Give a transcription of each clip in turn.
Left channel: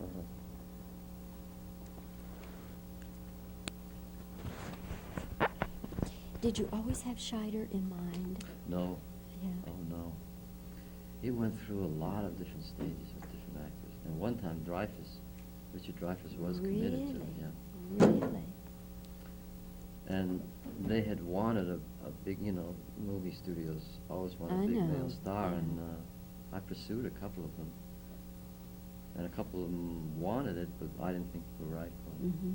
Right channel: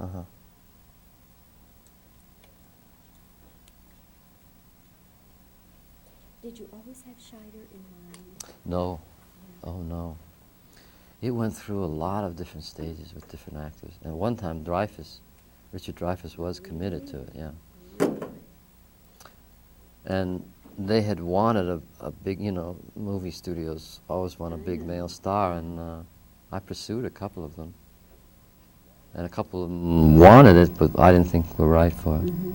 Uh-huh. Did you always have Scheider in mind? No. Yeah. Oh, no. It went through a lot of different stages with different actors. And one time, Richard Dreyfuss was committed to it, yeah. Really? And they had wanted a big, you know, movie studios always want a I big know. male star, and I pursued a couple of them. And a couple of them wanted it, but I didn't think were right for it. Mm-hmm.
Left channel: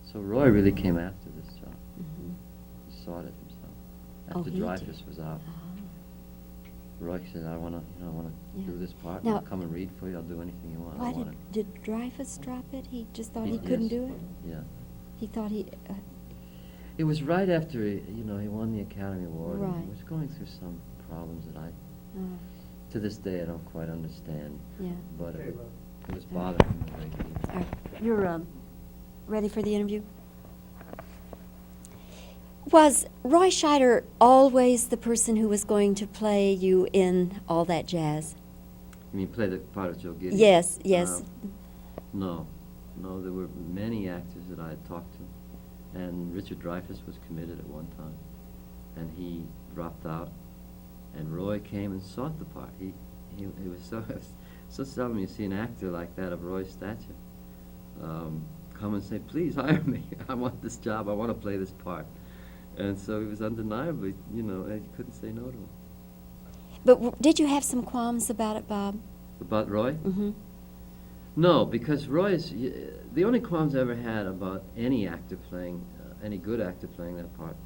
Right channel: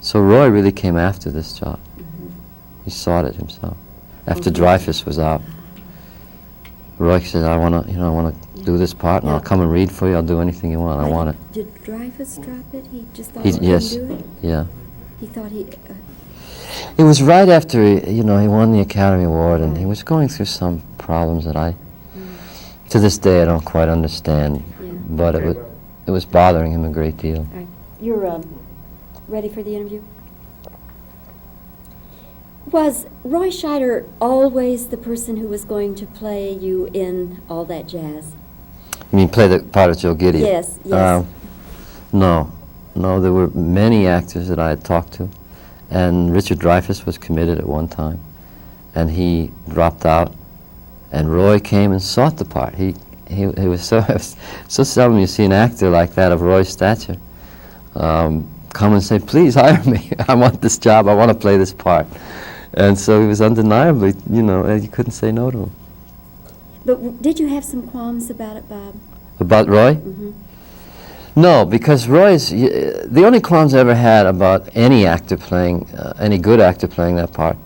So Roy really came after this job. Mm-hmm. He sought it himself. After Okay. Dreyfuss was out, Roy said, I want to, you know, I want to do this part, and Now- I'll come and read for you. I'll do anything you want. I want it. Did Dreyfuss drop it? He just thought He- he couldn't yes. do it? Yeah. He thought he... It was right after, you know, he won the Academy Award, and he Right. was going through some problems that to this day, I don't quite understand. Yeah. But it was bothering him a great deal. All right. You're ready for the interview? Was Roy Scheider always the person who was going to play you in All That Jazz? You mean play the part of Joe Gideon? Yes, yes. No, there were many actors that I had talked to, and Richard Dreyfuss was committed at one time, and he dropped out, and Roy came and sought the part. He was so seldom you see an actor like that of Roy's stature come and say, please hire me. I want this job. I want to play this part. And so he was undeniably, you know, you couldn't say no to him. But did you have some qualms about it, Bob? About Roy? Mm-hmm. No, because the only qualms I ever had about any actor playing, any good actor playing that part,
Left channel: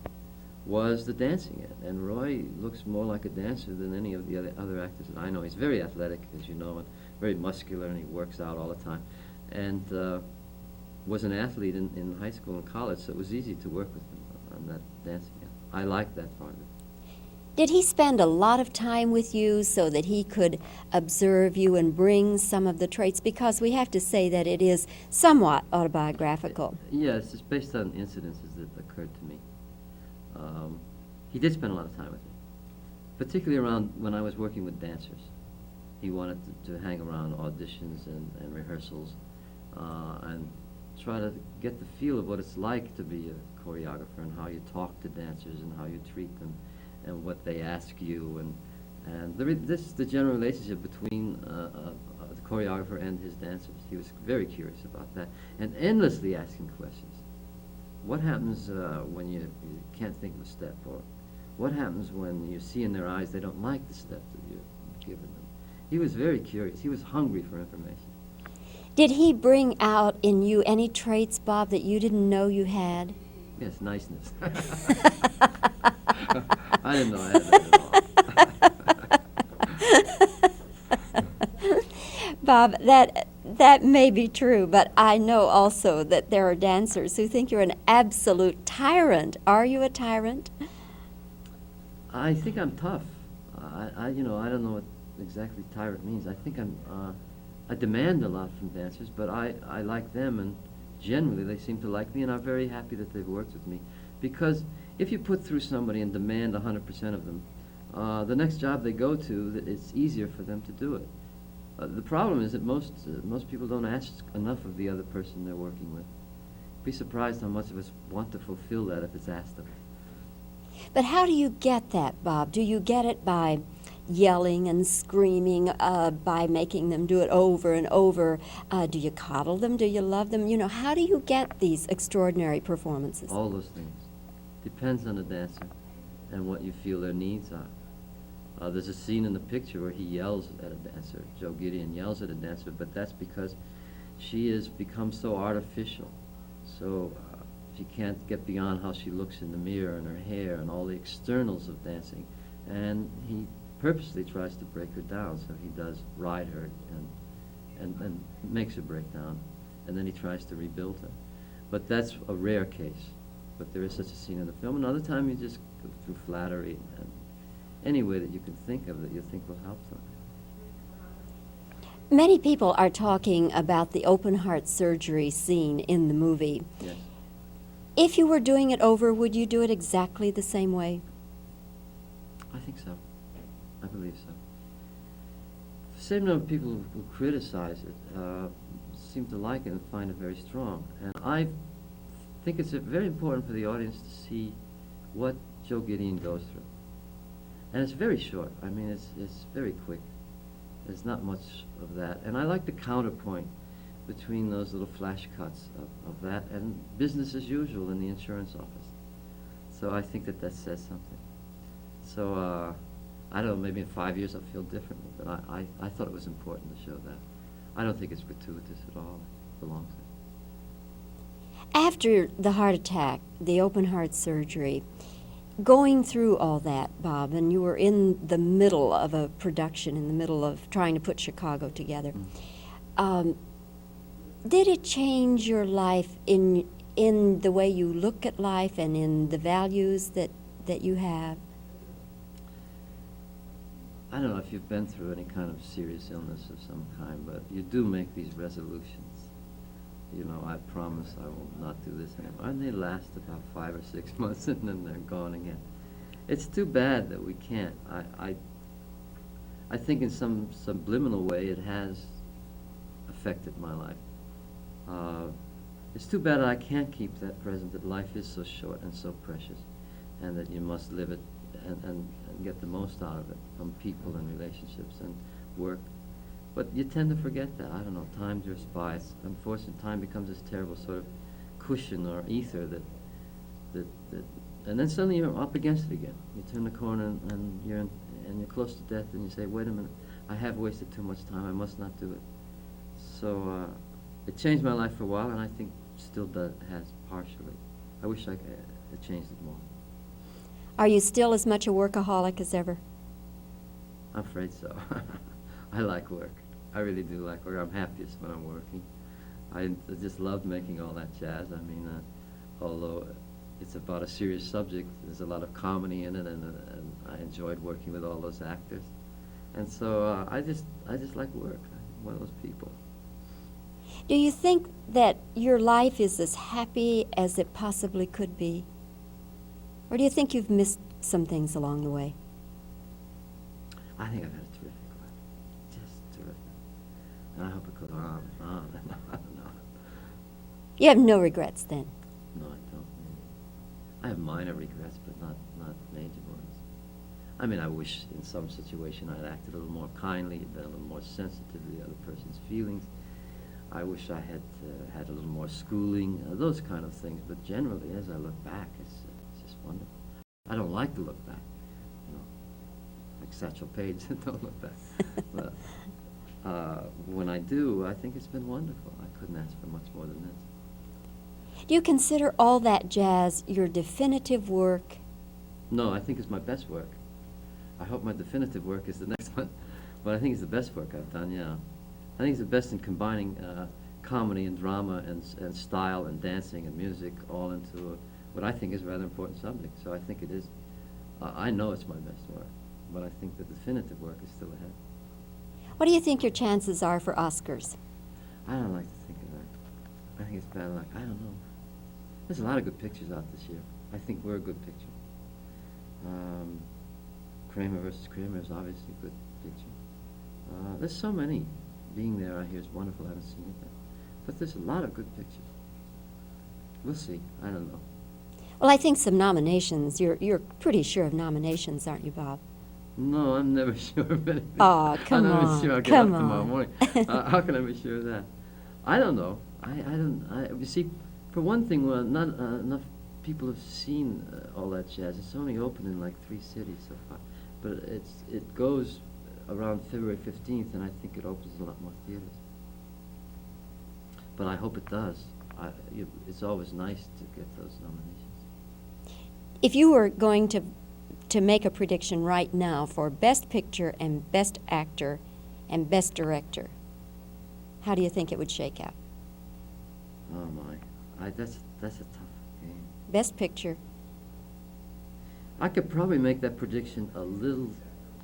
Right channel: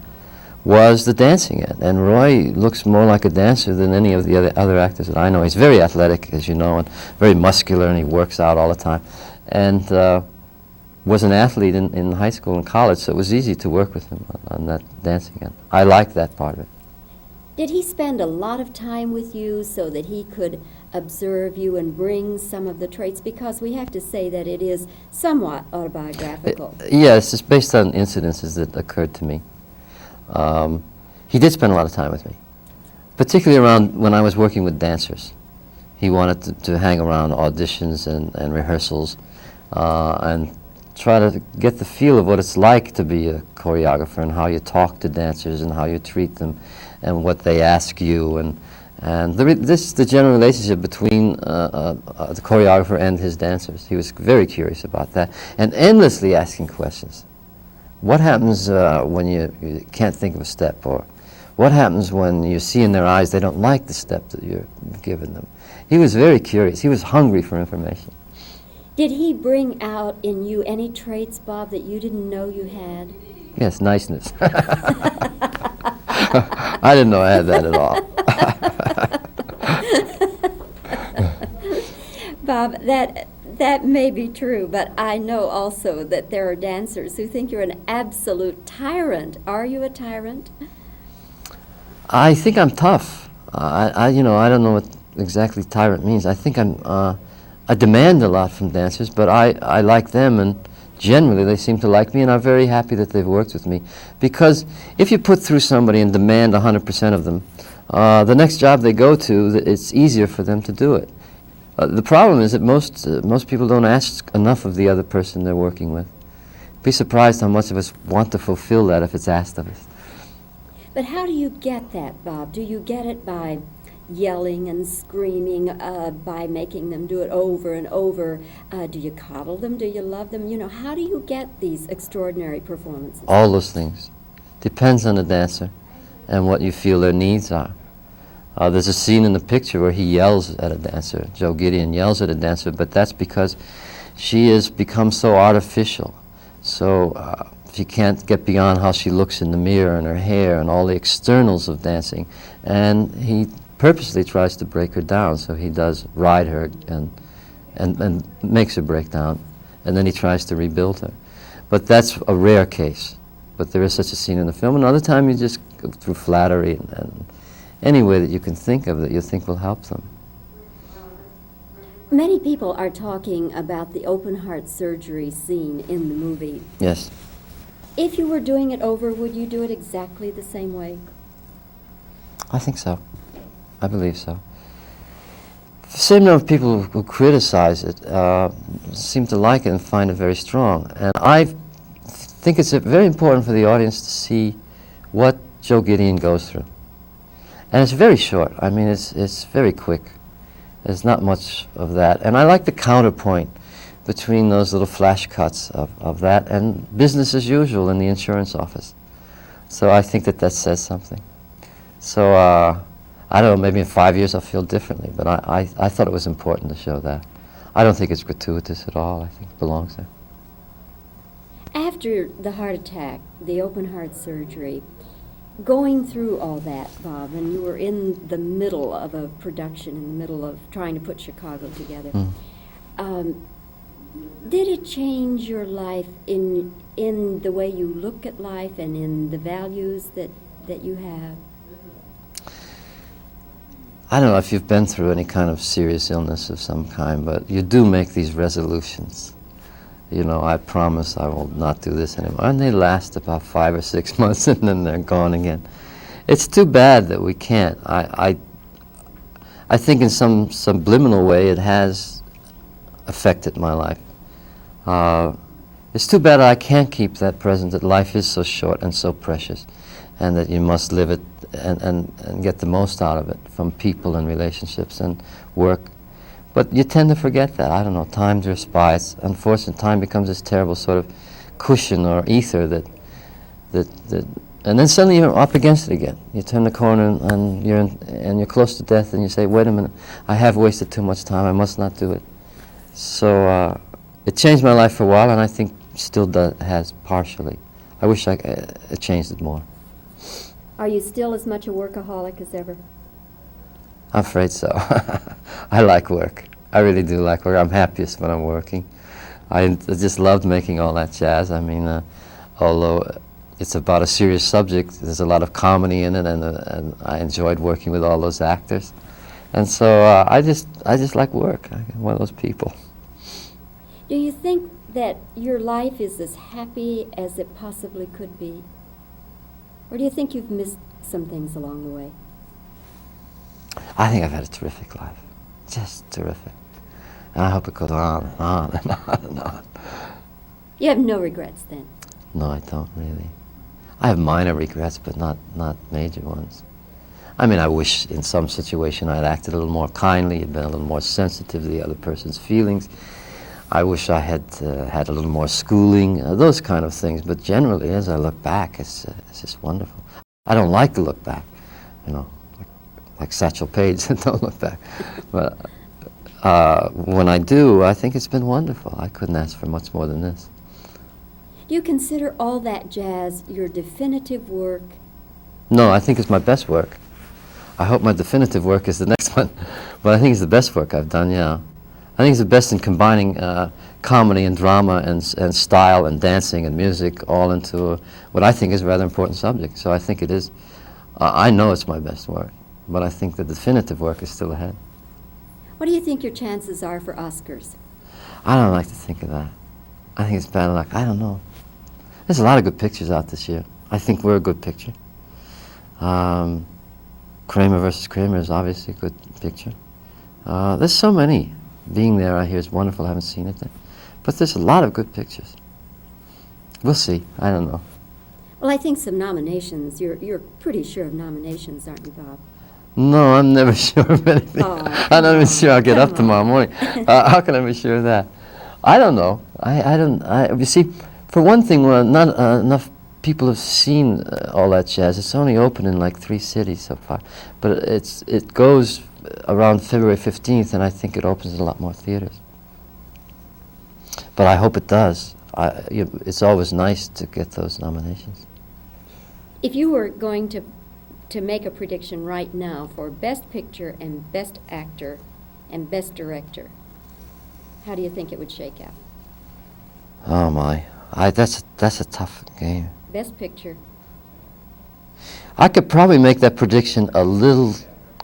was the dancing it. And Roy looks more like a dancer than any of the other actors that I know. He's very athletic, as you know, and very muscular, and he works out all the time. And was an athlete in high school and college, so it was easy to work with him on that dancing end. I liked that part of it. Did he spend a lot of time with you so that he could observe you and bring some of the traits? Because we have to say that it is somewhat autobiographical. Yes, it's based on incidences that occurred to me. He did spend a lot of time with me, particularly around when I was working with dancers. He wanted to hang around auditions and rehearsals and try to get the feel of what it's like to be a choreographer and how you talk to dancers and how you treat them and what they ask you and the general relationship between the choreographer and his dancers. He was very curious about that and endlessly asking questions. What happens when you can't think of a step, or what happens when you see in their eyes they don't like the step that you're giving them? He was very curious. He was hungry for information. Did he bring out in you any traits, Bob, that you didn't know you had? Yes, niceness. I didn't know I had that at all. Bob, that may be true, but I know also that there are dancers who think you're an absolute tyrant. Are you a tyrant? I think I'm tough. I don't know what exactly tyrant means. I think I demand a lot from dancers, but I like them, and generally they seem to like me, and I'm very happy that they've worked with me. Because if you put through somebody and demand 100% of them, the next job they go to, it's easier for them to do it. The problem is that most people don't ask enough of the other person they're working with. Be surprised how much of us want to fulfill that if it's asked of us. But how do you get that, Bob? Do you get it by yelling and screaming, by making them do it over and over? Do you coddle them? Do you love them? You know, how do you get these extraordinary performances? All those things. Depends on the dancer and what you feel their needs are. There's a scene in the picture where he yells at a dancer. Joe Gideon yells at a dancer, but that's because she has become so artificial. So she can't get beyond how she looks in the mirror and her hair and all the externals of dancing. And he purposely tries to break her down, so he does ride her and makes her break down, and then he tries to rebuild her. But that's a rare case. But there is such a scene in the film. Another time you just go through flattery and any way that you can think of that you think will help them. Many people are talking about the open heart surgery scene in the movie. Yes. If you were doing it over, would you do it exactly the same way? I think so. I believe so. same number of people who criticize it seem to like it and find it very strong. And I think it's very important for the audience to see what Joe Gideon goes through. And it's very short. I mean, it's very quick. There's not much of that. And I like the counterpoint between those little flash cuts of that and business as usual in the insurance office. So I think that says something. So I don't know, maybe in 5 years I'll feel differently, but I thought it was important to show that. I don't think it's gratuitous at all. I think it belongs there. After the heart attack, the open heart surgery, going through all that, Bob, and you were in the middle of a production, in the middle of trying to put Chicago together, did it change your life in the way you look at life and in the values that you have? I don't know if you've been through any kind of serious illness of some kind, but you do make these resolutions. You know, I promise I will not do this anymore. And they last about 5 or 6 months and then they're gone again. It's too bad that we can't. I think in some subliminal way it has affected my life. It's too bad I can't keep that present, that life is so short and so precious, and that you must live it and get the most out of it from people and relationships and work. But you tend to forget that. I don't know, time drifts by. Unfortunately, time becomes this terrible sort of cushion or ether that and then suddenly you're up against it again. You turn the corner and you're close to death, and you say, wait a minute, I have wasted too much time, I must not do it. So it changed my life for a while, and I think still has partially. I wish it changed it more. Are you still as much a workaholic as ever? I'm afraid so. I like work. I really do like work. I'm happiest when I'm working. I just loved making all that jazz. I mean, although it's about a serious subject, there's a lot of comedy in it, and I enjoyed working with all those actors. And so I just like work. I'm one of those people. Do you think that your life is as happy as it possibly could be? Or do you think you've missed some things along the way? I think I've had a terrific life. Just terrific. And I hope it goes on and on and on and on. You have no regrets then? No, I don't really. I have minor regrets, but not major ones. I mean, I wish in some situation I'd acted a little more kindly, been a little more sensitive to the other person's feelings. I wish I had had a little more schooling, those kind of things. But generally, as I look back, it's just wonderful. I don't like to look back, you know, like Satchel Paige, don't look back. But when I do, I think it's been wonderful. I couldn't ask for much more than this. Do you consider all that jazz your definitive work? No, I think it's my best work. I hope my definitive work is the next one. But I think it's the best work I've done, yeah. I think it's the best in combining comedy and drama and style and dancing and music all into what I think is a rather important subject. So I think it is. I know it's my best work, but I think the definitive work is still ahead. What do you think your chances are for Oscars? I don't like to think of that. I think it's bad luck. I don't know. There's a lot of good pictures out this year. I think we're a good picture. Kramer versus Kramer is obviously a good picture. There's so many. Being there, I hear, is wonderful. I haven't seen it yet. But there's a lot of good pictures. We'll see. I don't know. Well, I think some nominations. You're pretty sure of nominations, aren't you, Bob? No, I'm never sure of anything. Oh, I'm not even sure I'll get up Come tomorrow on. morning. How can I be sure of that? I don't know. You see, for one thing, not enough people have seen all that jazz. It's only open in like 3 cities so far. But it goes around February 15th, and I think it opens in a lot more theaters. But I hope it does. It's always nice to get those nominations. If you were going to make a prediction right now for Best Picture and Best Actor and Best Director, how do you think it would shake out? Oh my, that's a tough game. Best Picture. I could probably make that prediction a little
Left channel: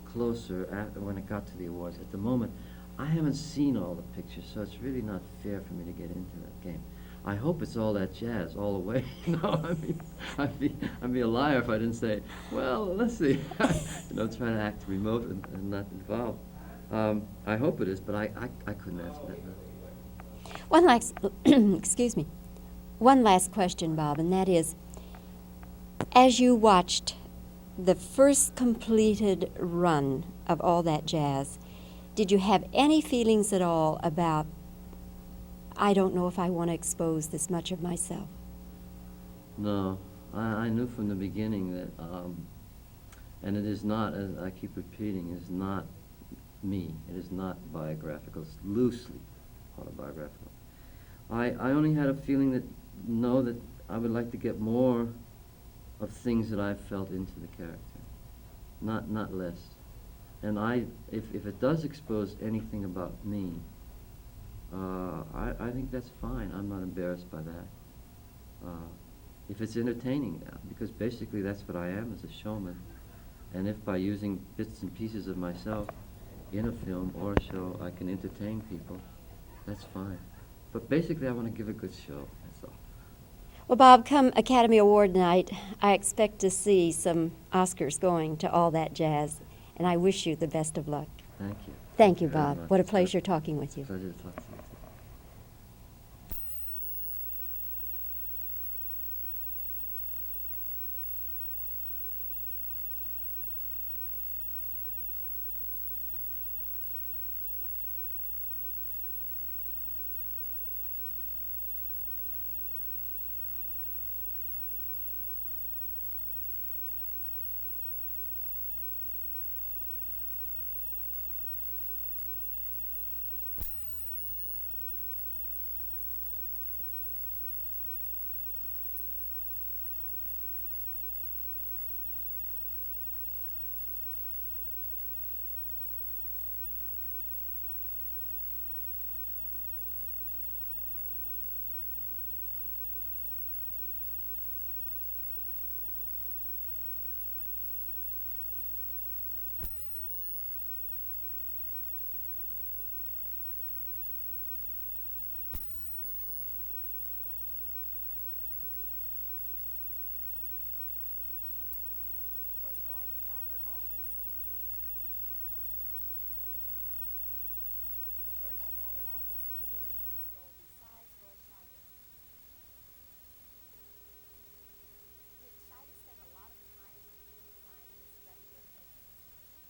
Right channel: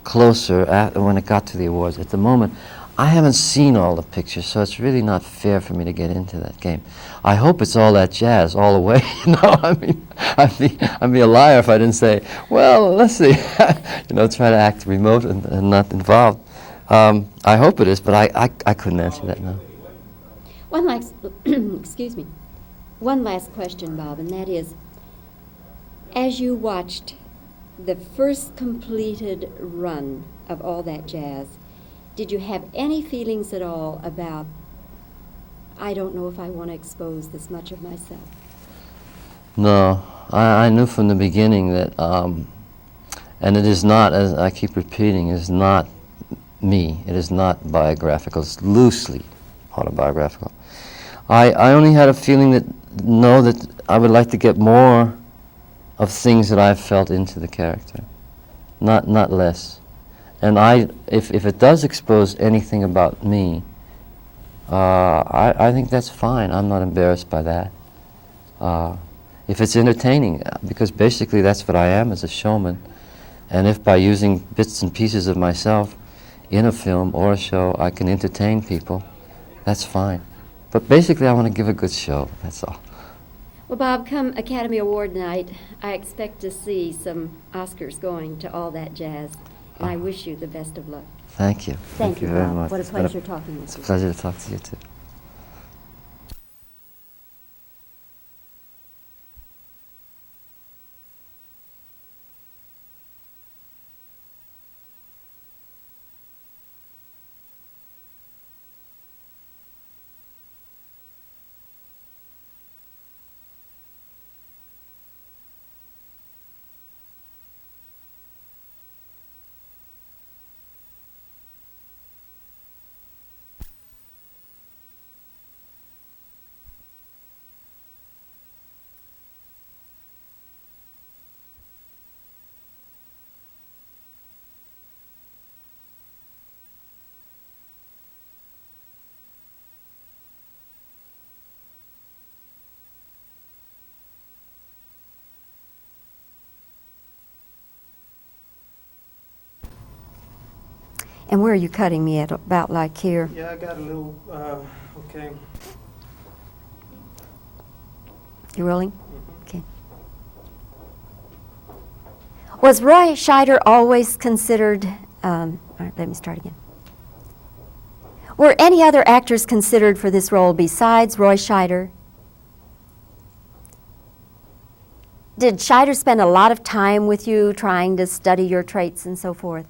closer when it got to the awards. At the moment, I haven't seen all the pictures, so it's really not fair for me to get into that game. I hope it's all that jazz all the way. You know, I mean, I'd be a liar if I didn't say, well, let's see. You know, try to act remote and not involved. I hope it is, but I couldn't answer that now. One last, excuse me, one last question, Bob, and that is, as you watched the first completed run of All That Jazz, did you have any feelings at all about, I don't know if I want to expose this much of myself? No, I knew from the beginning that, and it is not, as I keep repeating, it is not me. It is not biographical. It's loosely autobiographical. I only had a feeling that I would like to get more of things that I've felt into the character, not less. And if it does expose anything about me, I think that's fine. I'm not embarrassed by that. If it's entertaining, because basically that's what I am as a showman, and if by using bits and pieces of myself in a film or a show I can entertain people, that's fine. But basically I want to give a good show, that's all. Well, Bob, come Academy Award night, I expect to see some Oscars going to All That Jazz, and I wish you the best of luck. Thank you. Thank you, very Bob. much. What a It's been pleasure talking with It's a you. pleasure to talk to you too. And where are you cutting me at? About like here? Yeah, I got a little, okay. You rolling? Okay. Was Roy Scheider always considered, all right, let me start again. Were any other actors considered for this role besides Roy Scheider? Did Scheider spend a lot of time with you trying to study your traits and so forth?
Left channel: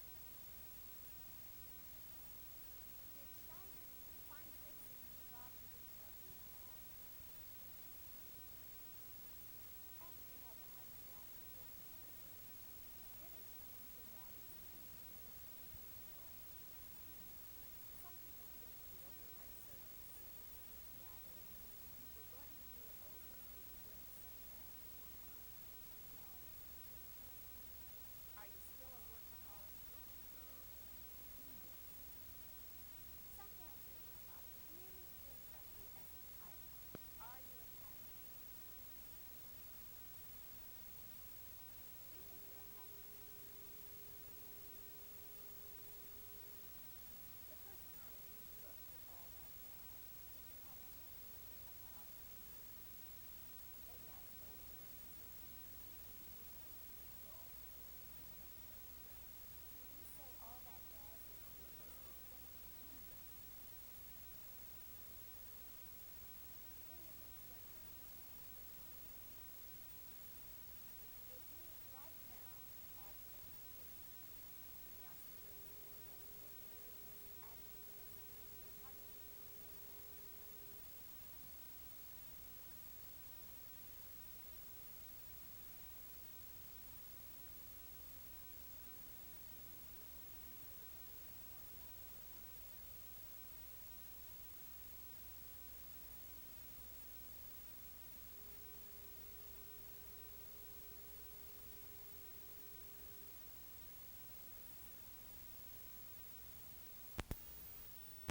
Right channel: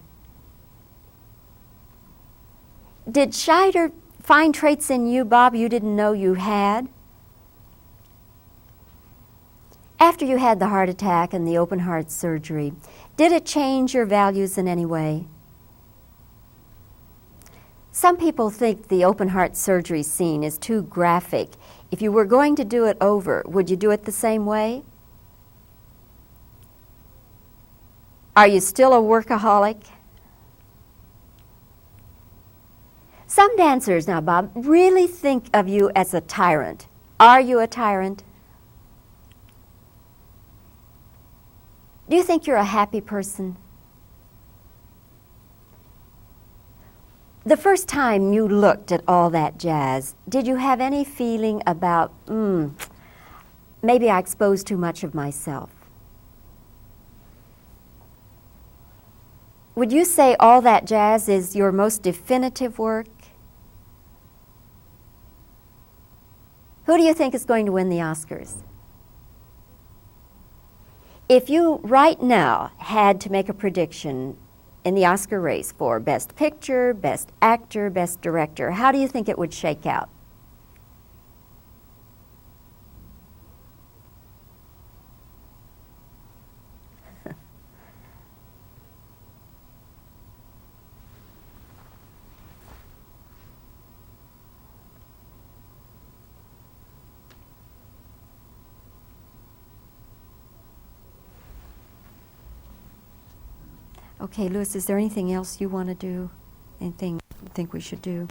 Did Scheider find traits in you, Bob, you didn't know you had? After you had the heart attack and the open heart surgery, did it change your values in any way? Some people think the open heart surgery scene is too graphic. If you were going to do it over, would you do it the same way? Are you still a workaholic? Some dancers, now Bob, really think of you as a tyrant. Are you a tyrant? Do you think you're a happy person? The first time you looked at All That Jazz, did you have any feeling about, maybe I exposed too much of myself? Would you say All That Jazz is your most definitive work? Who do you think is going to win the Oscars? If you right now had to make a prediction in the Oscar race for Best Picture, Best Actor, Best Director, how do you think it would shake out? Okay, Louis, is there anything else you want to do? Anything you think we should do?